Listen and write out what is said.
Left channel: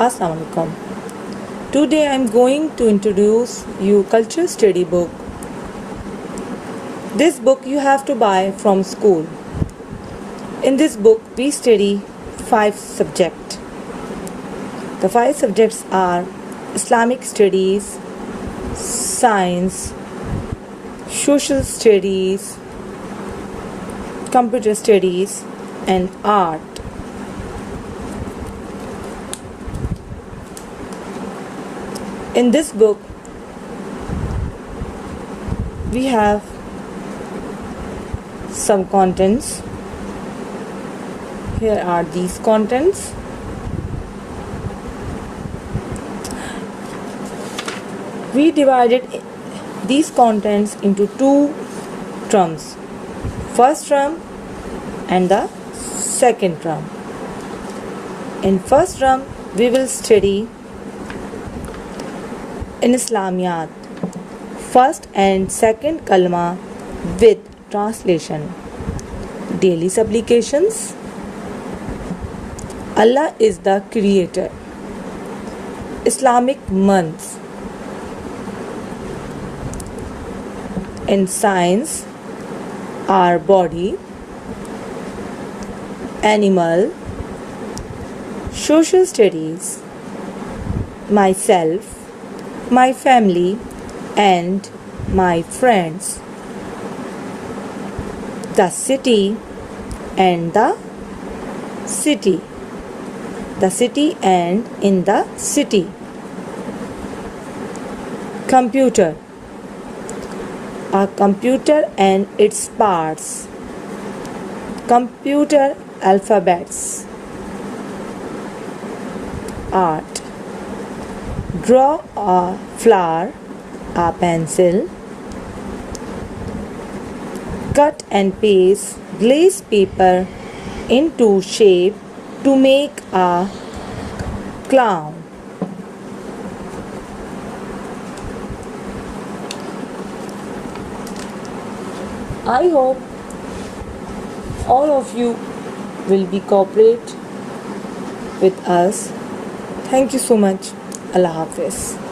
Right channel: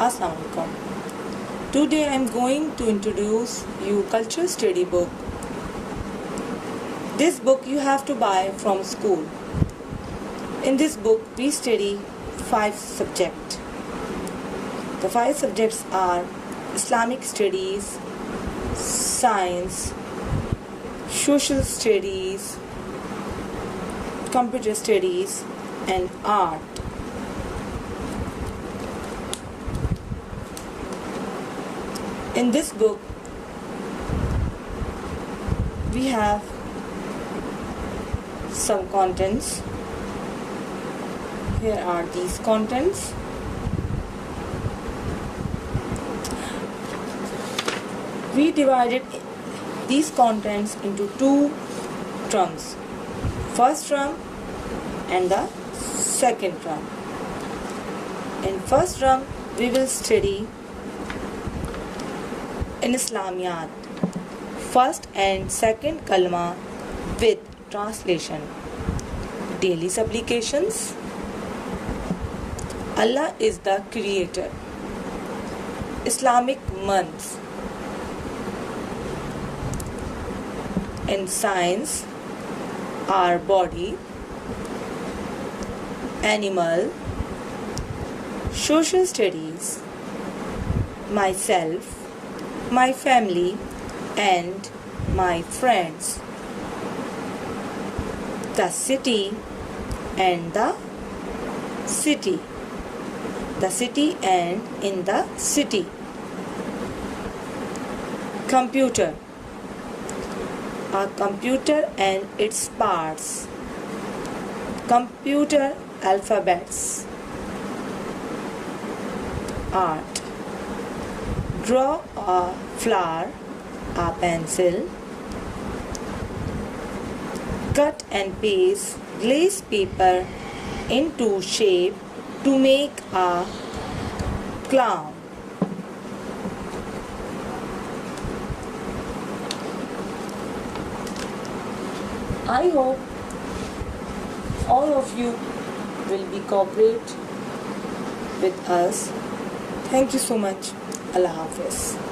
Assalamualaikum. Today I am going to introduce you cultural study book. This book you have to buy from school. In this book we study 5 subjects. The 5 subjects are Islamic studies, science, social studies, computer studies and art. In this book we have some contents. Here are these contents. We divided these contents into 2 terms. First term and the second term. In first term we will study in Islamiyat, first and second kalma with translation, daily supplications, Allah is the creator, Islamic months. In science, our body, animal, social studies, myself, my family and my friends, the city and the city, the city and in the city, computer, a computer and its parts, computer alphabets, art, draw a flower, a pencil, cut and paste glaze paper into shape to make a clown. I hope all of you will be cooperate with us. Thank you so much. Allah Hafiz.